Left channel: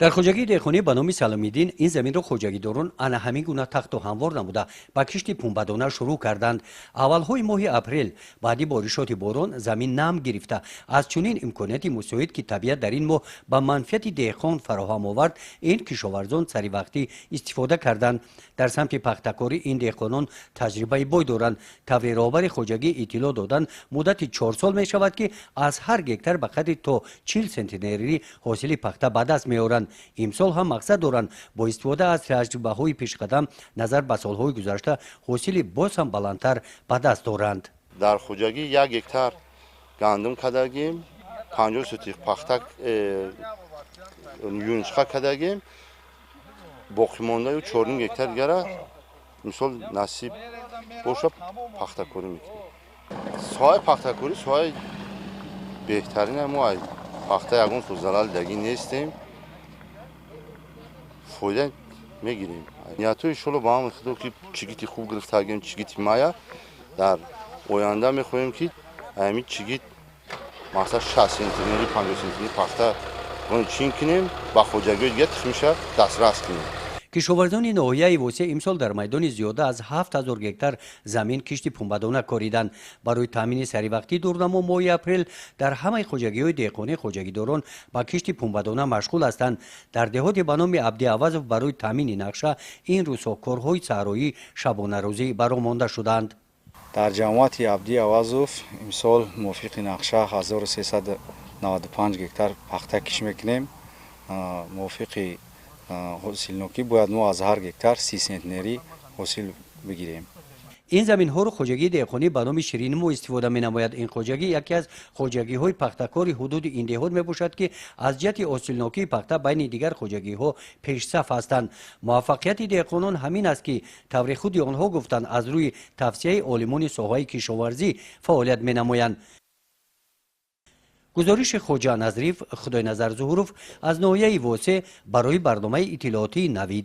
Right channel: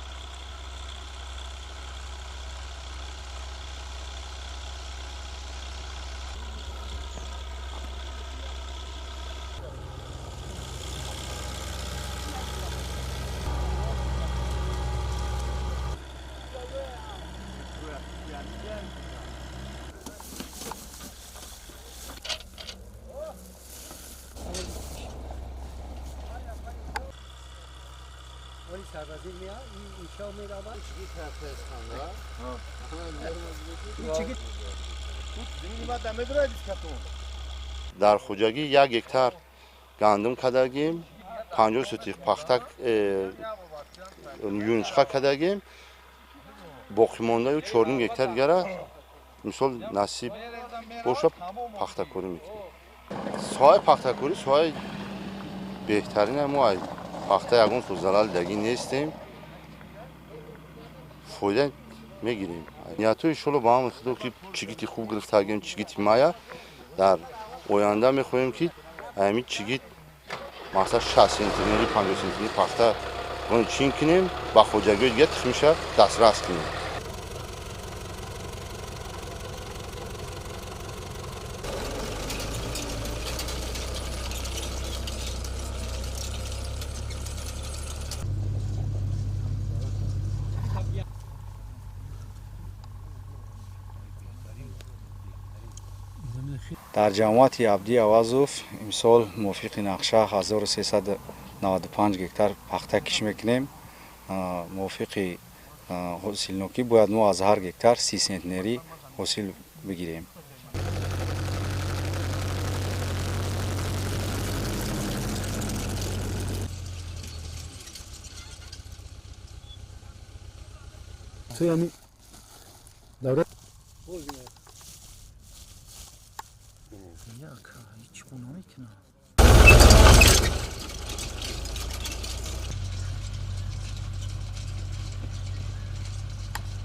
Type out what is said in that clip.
در خوجگی دهخانی به نام سلامیدین این زمین را خوجگیداران انا همین گونه تخت و هموار نموده و کشت پنبه‌دانه شروع کردند. اولهای ماه اپریل بعدی بارشات باران زمین نم گرفته از چنین امکاناتی مساعد که طبیعت در این ماه به منفعت دهقان فراهم آورد، این کشاورزان سری وقتی استفاده کردند. در سمت پختکاری این دهقانان تجربه بای دارند. تبریرآور خوجگی اطلاع دادند مدت 4 سال می شود که از هر گکتر به قدر تا 40 سانتی حاصل پخته به دست میآورند. امسال هم مقصد دارند با استفاده از تجربه‌های پیشقدم نظر به سالهای گذشته حاصل باز هم بلندتر به دست دارند. در خوجگی 1 گکتر گندم کردیم، 50 سوتیق پخته یونچخه کردیم، باقی مانده 4 گکتر دیگه امسال نصیب باشه پخته کاری میکنیم. ساحه پخته کاری ساحه بهترین ما پخته یگان تو زلال دیگه نیستیم، فایده میگیریم. نیاتوی شلو با هم خدا که چیگیتی خوب گرفته گیم چیگیتی مایا در آینده میخوایم که همین چیگیت مثلا 60 سانتی 50 سانتی پخته اون چین کنیم با خوجگی دیگه میشه دسترس کنیم. کشاورزان ناحیه واسه امسال در میدان زیاده از 7000 گکتر زمین کشت پنبه‌دانه کاریدند. برای تامین سری وقتی دورنما ماه اپریل در همه خوجگی‌های دهقانی خوجگیداران با کشت پنبه‌دانه مشغول هستند. در دهات به نام عبدی عوض برای تامین نقشه این روزها کارهای صحرایی شبانه روزی برآمده شدند. در جماعت عبدی عوضوف امسال موافق نقشه 1395 گکتر پخته کش میکنیم. موافق حاصل نوکی باید ما از هر گکتر 30 سانتی حاصل بگیریم. این زمین ها رو خوجگی دهقانی به نام شیرینمو استفاده می نماید. این خوجگی یکی از خوجگی های پختکاری حدود این دهات می باشد که از جهت حاصلناکی پخته بین دیگر خوجگی ها پیش صف هستند. موفقیت دهقانان همین است که طور خود آنها گفتند از روی توصیه عالمان ساحه کشاورزی فعالیت می نمایند. گزارش خوجا نظریف خدای نظر ظهوروف از ناحیه واسه برای برنامه اطلاعاتی نوید.